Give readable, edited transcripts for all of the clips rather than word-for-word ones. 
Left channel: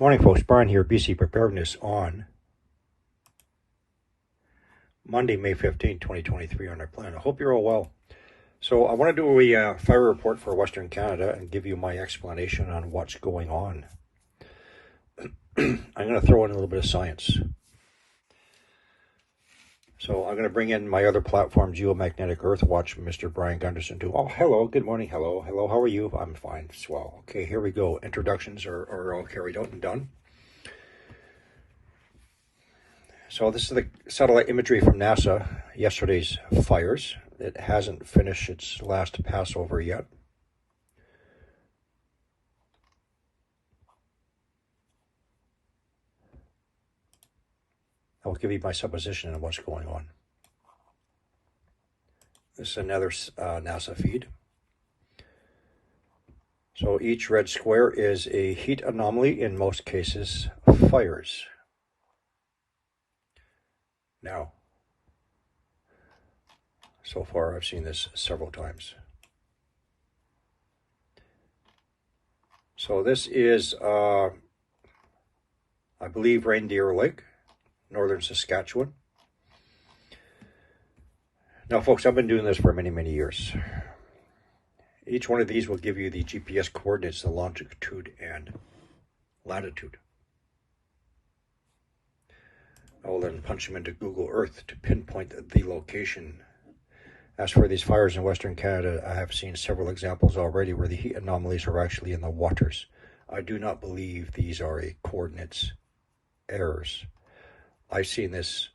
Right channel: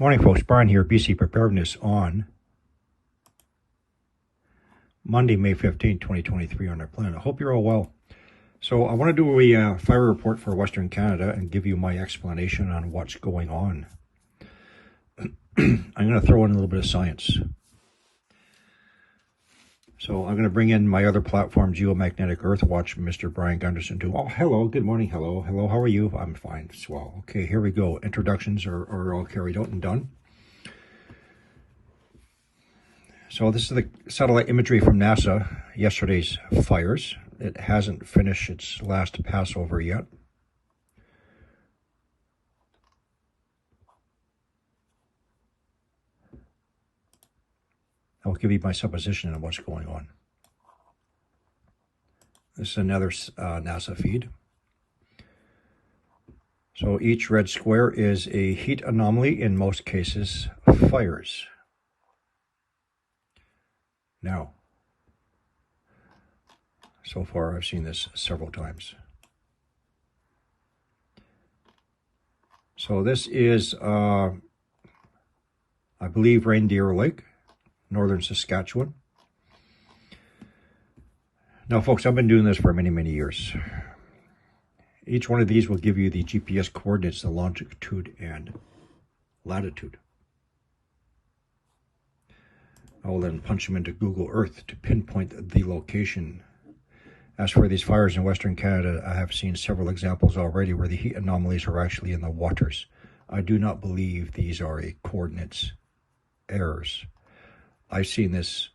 Morning, folks. Brian here, BC Preparedness on Monday, May 15, 2023 on our planet. I hope you're all well. So I want to do a fire report for Western Canada and give you my explanation on what's going on. I'm going to throw in a little bit of science. So I'm going to bring in my other platform, Geomagnetic Earth Watch, Mr. Brian Gunderson, too. Oh, hello. Good morning. Hello. Hello. How are you? I'm fine. Swell. Okay, here we go. Introductions are all carried out and done. So this is the satellite imagery from NASA, yesterday's fires. It hasn't finished its last passover yet. I'll give you my supposition on what's going on. This is another NASA feed. So each red square is a heat anomaly, in most cases, fires. Now, so far I've seen this several times. So this is, I believe, Reindeer Lake, northern Saskatchewan. Now, folks, I've been doing this for many, many years. Each one of these will give you the GPS coordinates, the longitude and latitude. I will then punch them into Google Earth to pinpoint the location. As for these fires in Western Canada, I have seen several examples already where the heat anomalies are actually in the waters. I do not believe these are a coordinates errors. I've seen this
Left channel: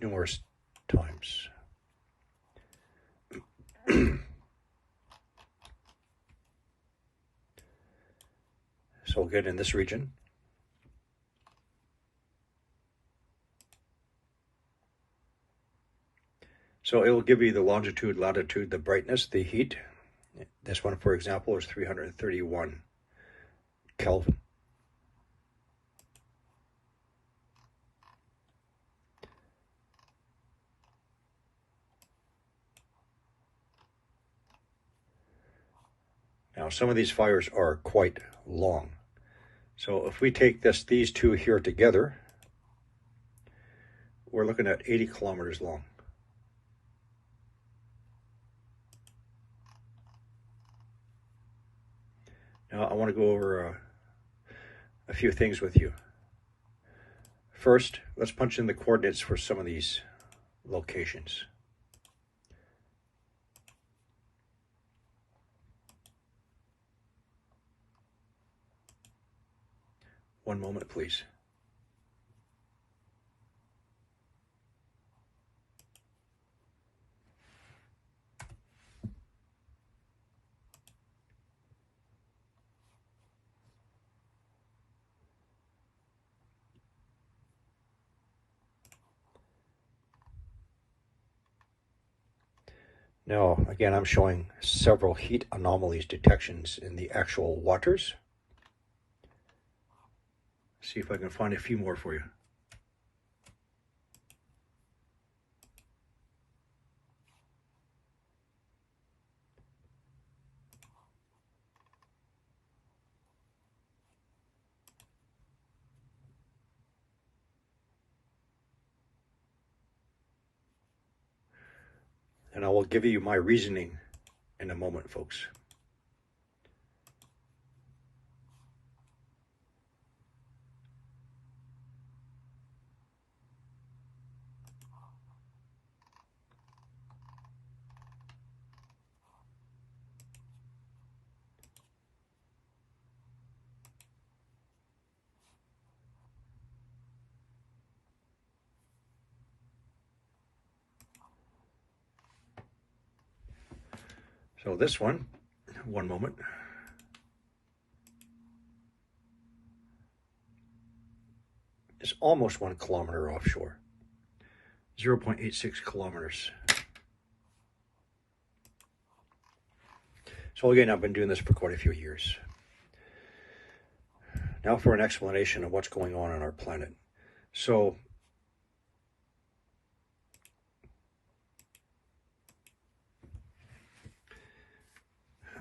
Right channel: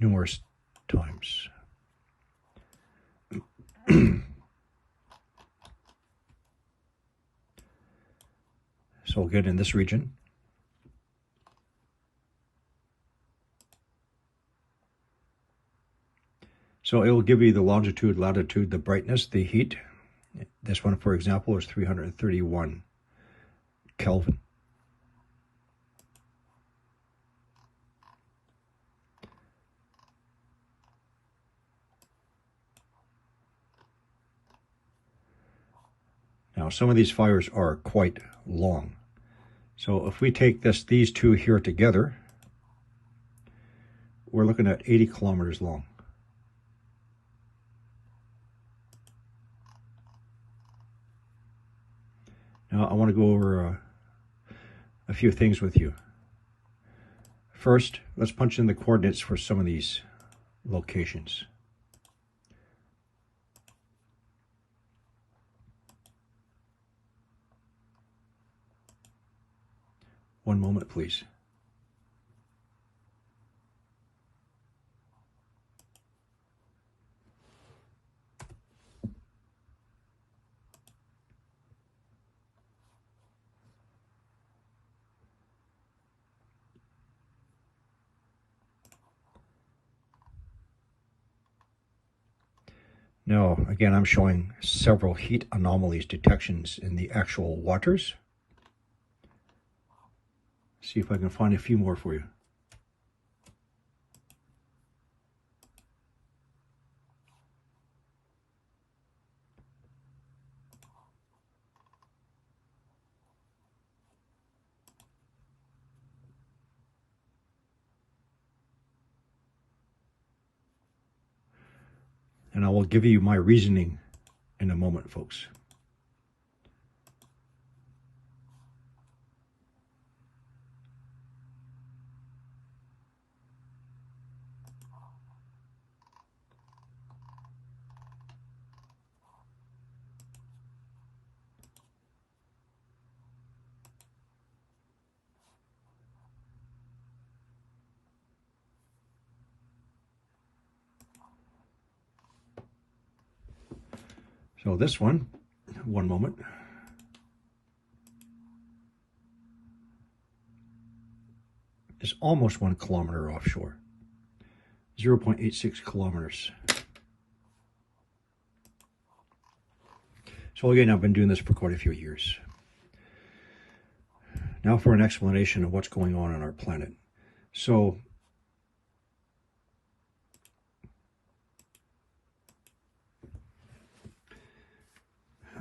numerous times. So again, in this region, so it will give you the longitude, latitude, the brightness, the heat. This one, for example, is 331 Kelvin. Now, some of these fires are quite long. So if we take these two here together, we're looking at 80 kilometers long. Now, I want to go over a few things with you. First, let's punch in the coordinates for some of these locations. One moment, please. Now, again, I'm showing several heat anomalies detections in the actual waters. See if I can find a few more for you. And I will give you my reasoning in a moment, folks. So this one moment. Is almost 1 kilometer offshore. 0.86 kilometers. So again, I've been doing this for quite a few years. Now for an explanation of what's going on our planet. So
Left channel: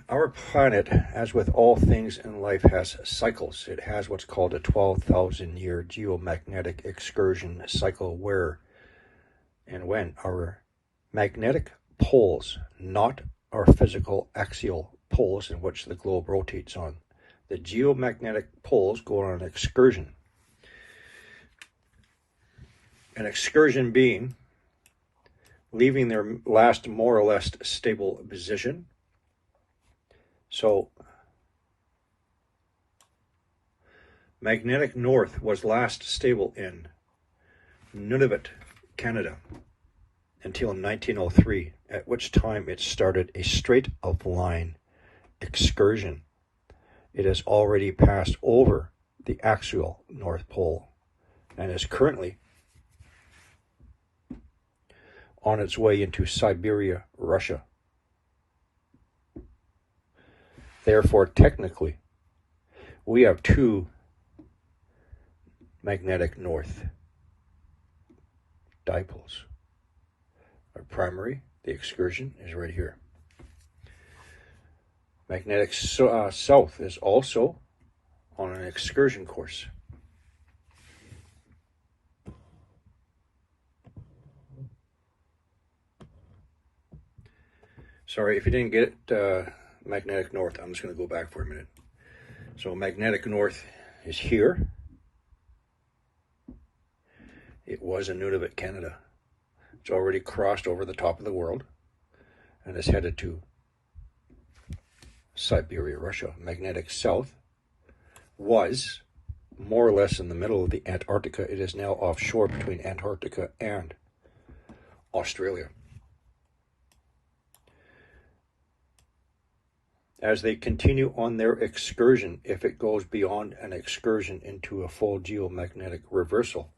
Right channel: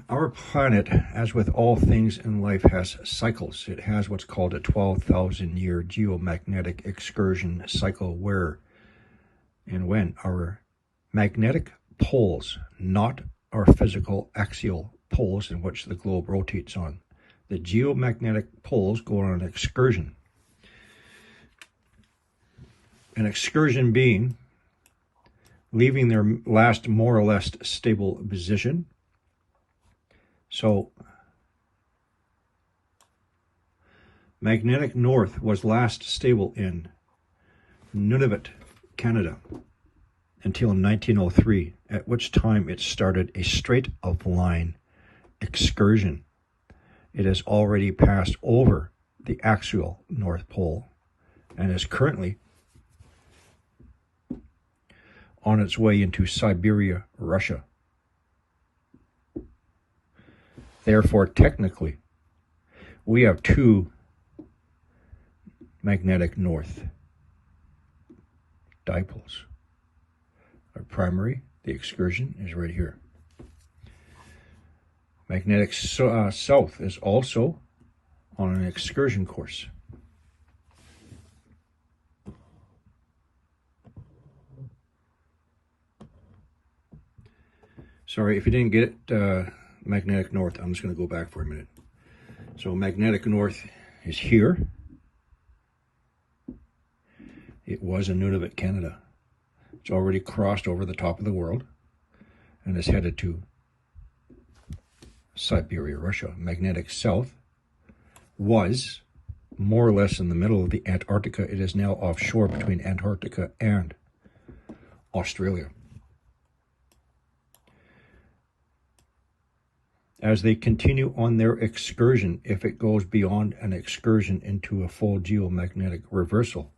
Our planet, as with all things in life, has cycles. It has what's called a 12,000-year geomagnetic excursion cycle where and when our magnetic poles, not our physical axial poles in which the globe rotates on, the geomagnetic poles go on an excursion. An excursion being leaving their last more or less stable position. So, magnetic north was last stable in Nunavut, Canada, until 1903, at which time it started a straight-of-line excursion. It has already passed over the axial North Pole and is currently on its way into Siberia, Russia. Therefore, technically, we have two magnetic north dipoles. Our primary, the excursion, is right here. Magnetic south is also on an excursion course. Sorry, if you didn't get it, magnetic north, I'm just going to go back for a minute. So magnetic north is here. It was in Nunavut, Canada. It's already crossed over the top of the world and is headed to Siberia, Russia. Magnetic south was more or less in the middle of the Antarctica. It is now offshore between Antarctica and Australia. As they continue on their excursion, if it goes beyond an excursion into a full geomagnetic reversal,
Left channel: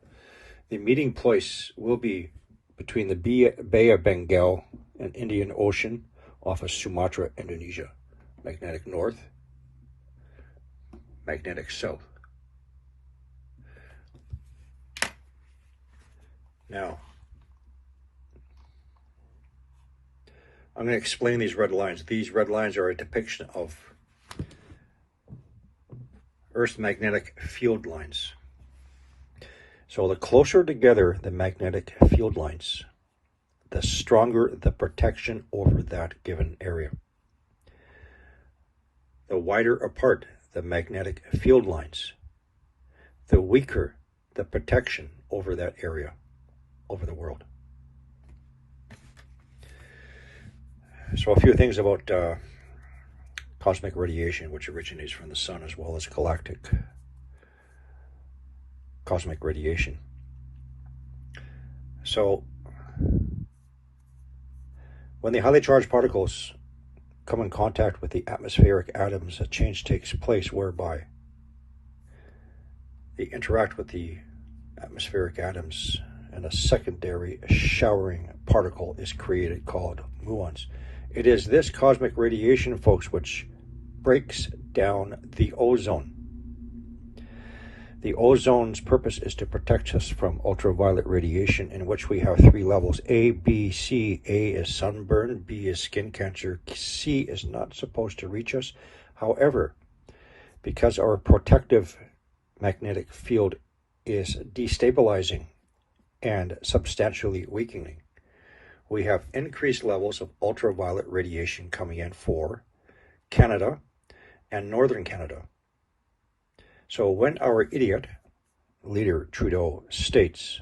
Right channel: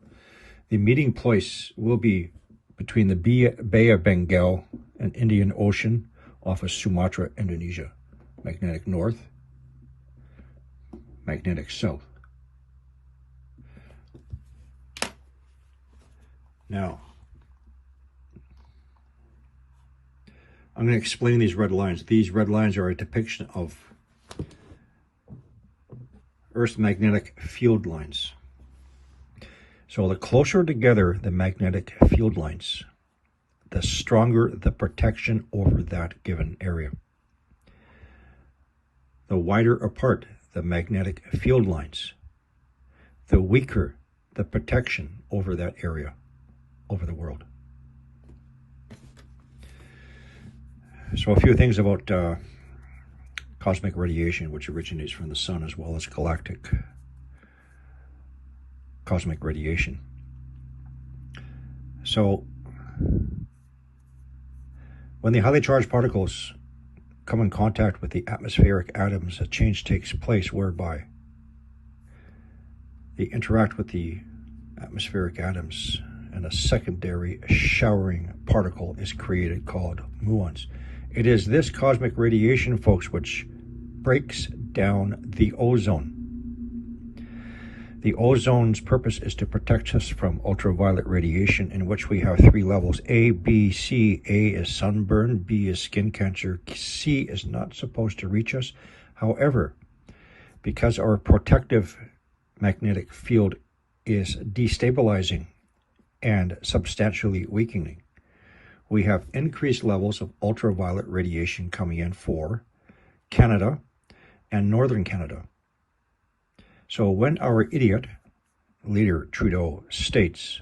the meeting place will be between the Bay of Bengal and Indian Ocean off of Sumatra, Indonesia. Magnetic north, magnetic south. Now, I'm going to explain these red lines. These red lines are a depiction of Earth's magnetic field lines. So the closer together the magnetic field lines, the stronger the protection over that given area. The wider apart the magnetic field lines, the weaker the protection over that area, over the world. So a few things about cosmic radiation, which originates from the sun, as well as galactic cosmic radiation. So when the highly charged particles come in contact with the atmospheric atoms, a change takes place whereby they interact with the atmospheric atoms and a secondary showering particle is created called muons. It is this cosmic radiation, folks, which breaks down the ozone. The ozone's purpose is to protect us from ultraviolet radiation, in which we have three levels: A, B, C. A is sunburn, B is skin cancer, C is not supposed to reach us. However, because our protective magnetic field is destabilizing and substantially weakening, we have increased levels of ultraviolet radiation coming in for Canada and northern Canada. So when our idiot leader Trudeau states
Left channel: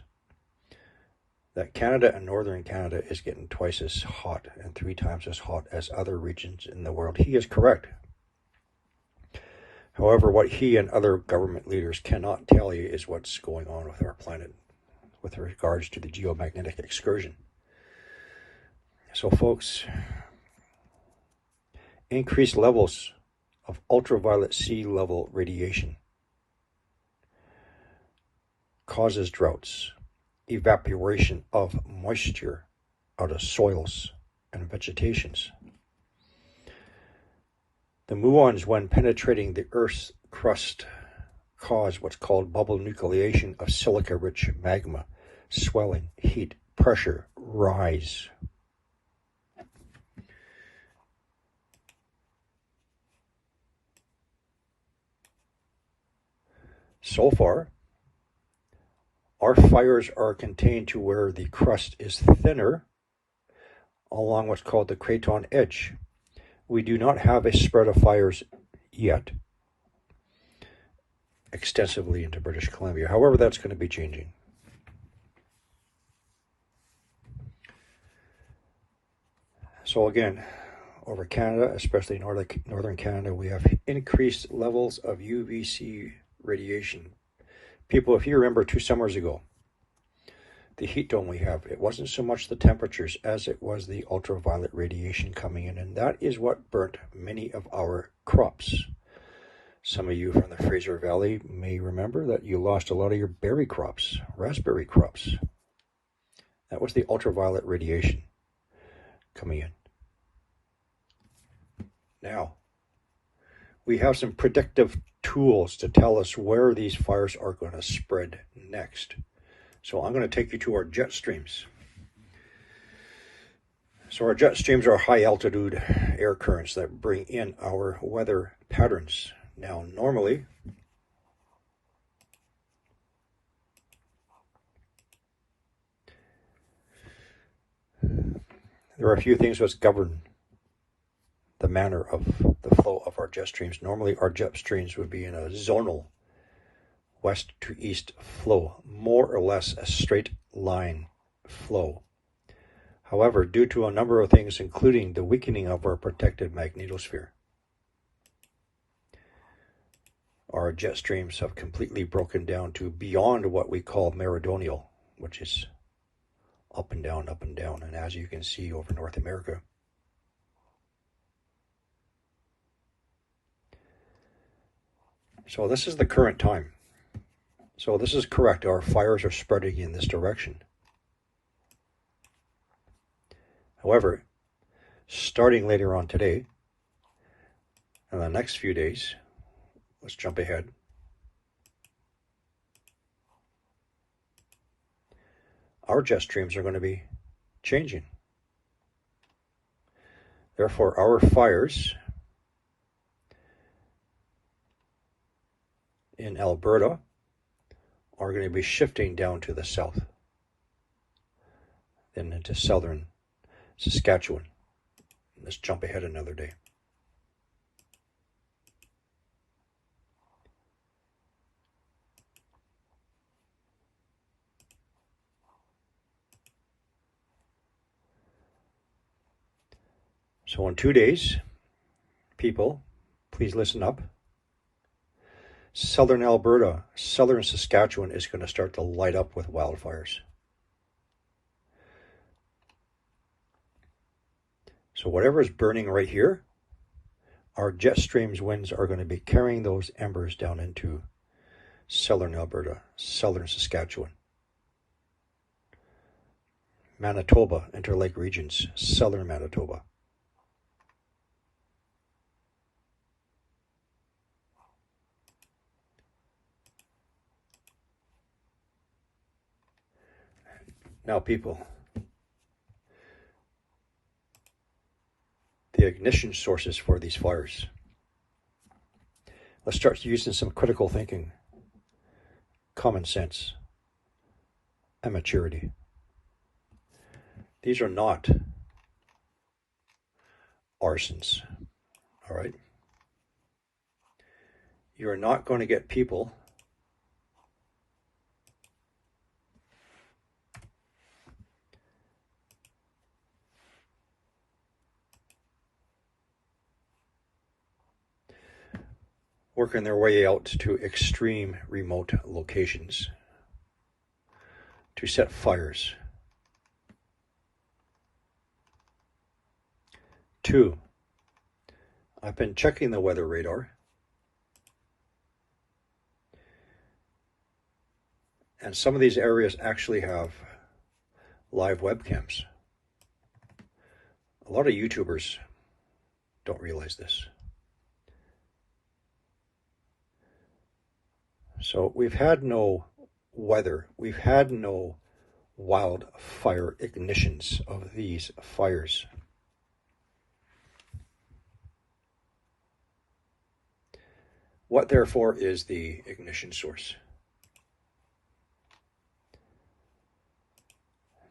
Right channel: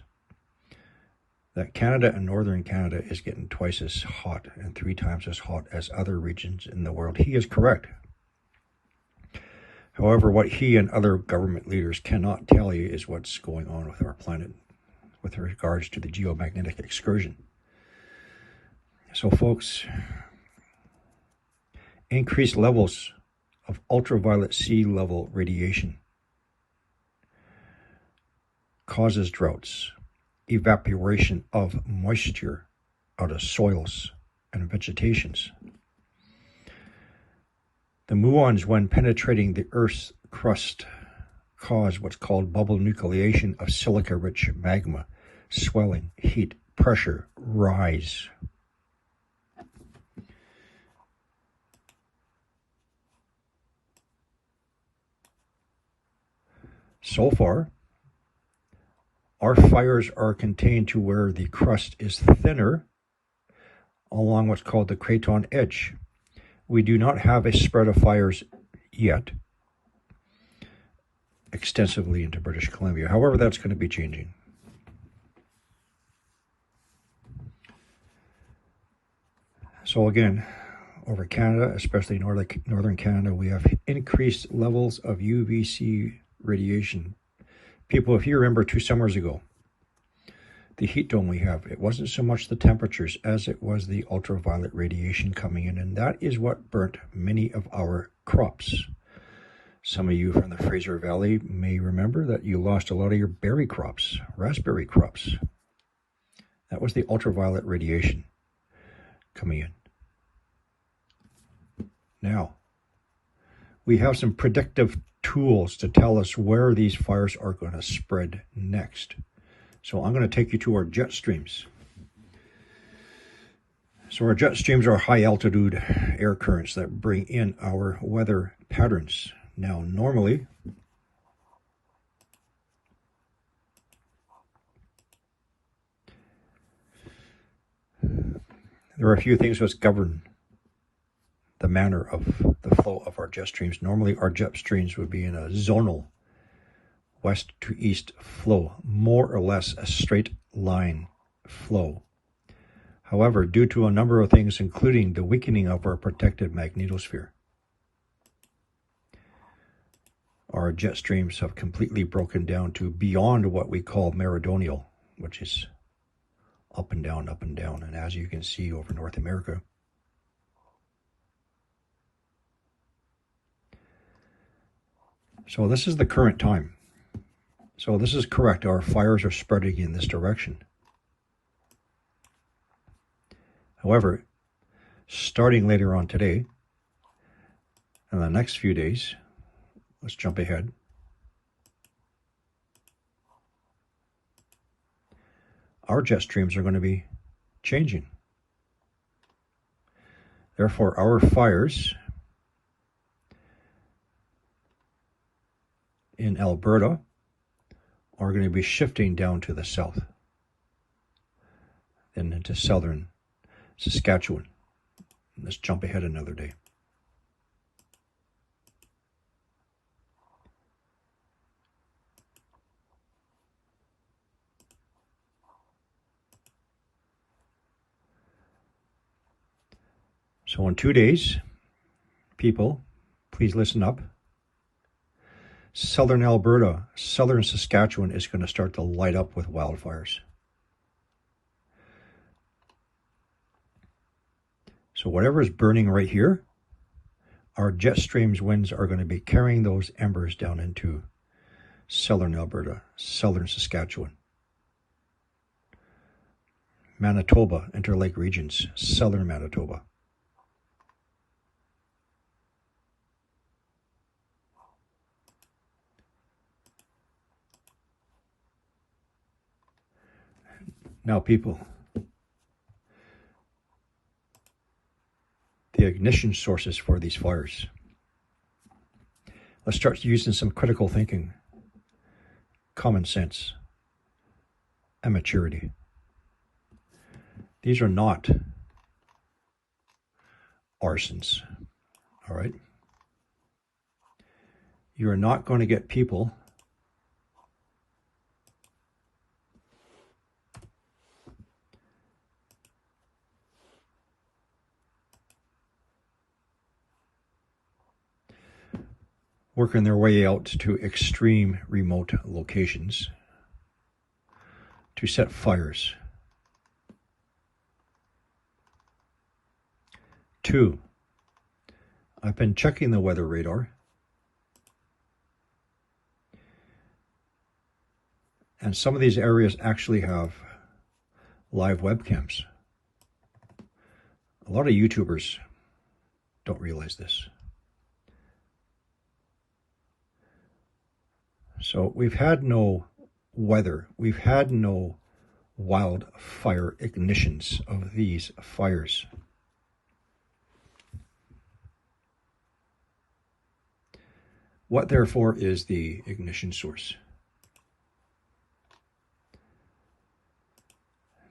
that Canada and northern Canada is getting twice as hot and 3 times as hot as other regions in the world, he is correct. However, what he and other government leaders cannot tell you is what's going on with our planet with regards to the geomagnetic excursion. So folks, increased levels of ultraviolet sea level radiation causes droughts, evaporation of moisture out of soils and vegetations. The muons, when penetrating the Earth's crust, cause what's called bubble nucleation of silica-rich magma, swelling, heat, pressure, rise. So far, our fires are contained to where the crust is thinner along what's called the craton edge. We do not have a spread of fires yet extensively into British Columbia. However, that's going to be changing. So again, over Canada, especially northern Canada, we have increased levels of UVC radiation. People, if you remember 2 summers ago, the heat dome we have, it wasn't so much the temperatures as it was the ultraviolet radiation coming in, and that is what burnt many of our crops. Some of you from the Fraser Valley may remember that you lost a lot of your berry crops, raspberry crops. That was the ultraviolet radiation coming in. Now, we have some predictive tools to tell us where these fires are going to spread next. So I'm going to take you to our jet streams. So our jet streams are high altitude air currents that bring in our weather patterns. Now, normally, there are a few things that govern the manner of the flow of our jet streams. Normally, our jet streams would be in a zonal west to east flow, more or less a straight line flow. However, due to a number of things, including the weakening of our protected magnetosphere, our jet streams have completely broken down to beyond what we call meridional, which is up and down, up and down. And as you can see over North America, so this is the current time. So this is correct. Our fires are spreading in this direction. However, starting later on today, and the next few days, let's jump ahead. Our jet streams are going to be changing. Therefore, our fires in Alberta are going to be shifting down to the south, then into southern Saskatchewan. Let's jump ahead another day. So in 2 days, people, please listen up. Southern Alberta, southern Saskatchewan is going to start to light up with wildfires. So whatever is burning right here, our jet streams winds are going to be carrying those embers down into southern Alberta, southern Saskatchewan, Manitoba, Interlake regions, southern Manitoba. Now, people, the ignition sources for these fires. Let's start using some critical thinking, common sense, and maturity. These are not arsons, all right? You're not going to get people working their way out to extreme remote locations to set fires. 2, I've been checking the weather radar, and some of these areas actually have live webcams. A lot of YouTubers don't realize this. So we've had no weather, we've had no wildfire ignitions of these fires. What therefore is the ignition source?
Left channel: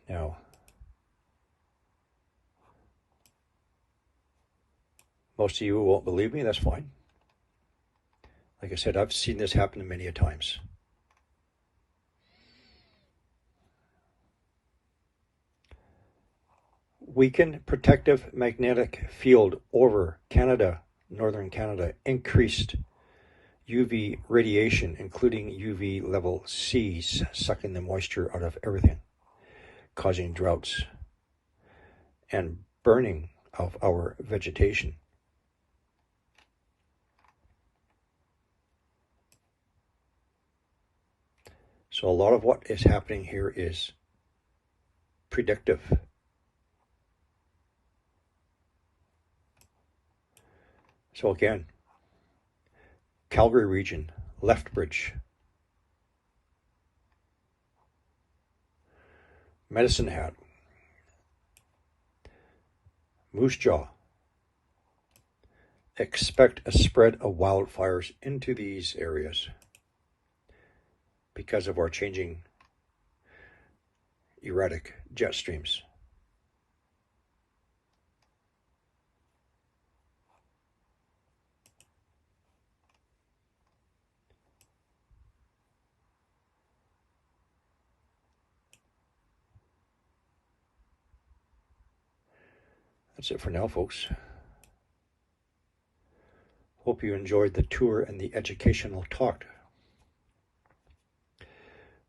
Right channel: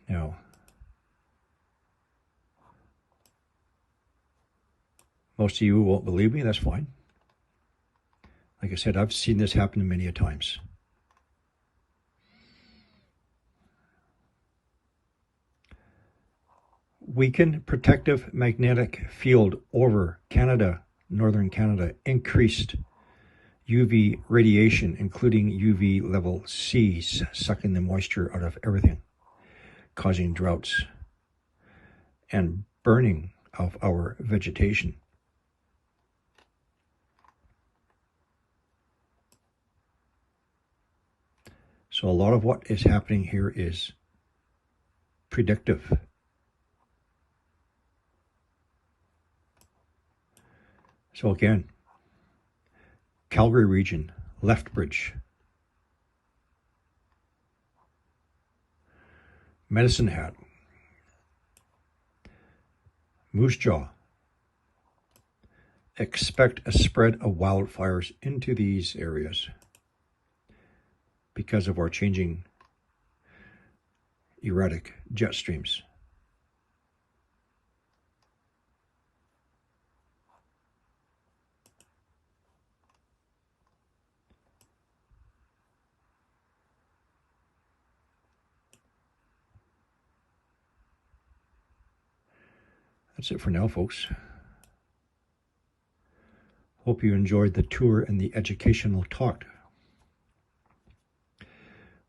Now, most of you won't believe me, that's fine. Like I said, I've seen this happen many a times. Weakened protective magnetic field over Canada, northern Canada, increased UV radiation, including UV level C's, sucking the moisture out of everything, causing droughts and burning of our vegetation. So a lot of what is happening here is predictive. So again, Calgary region, Lethbridge, Medicine Hat, Moose Jaw. Expect a spread of wildfires into these areas because of our changing erratic jet streams. That's it for now, folks. Hope you enjoyed the tour and the educational talk.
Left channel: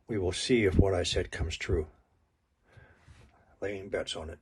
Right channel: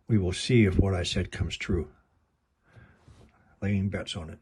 We will see if what I said comes true. Laying bets on it.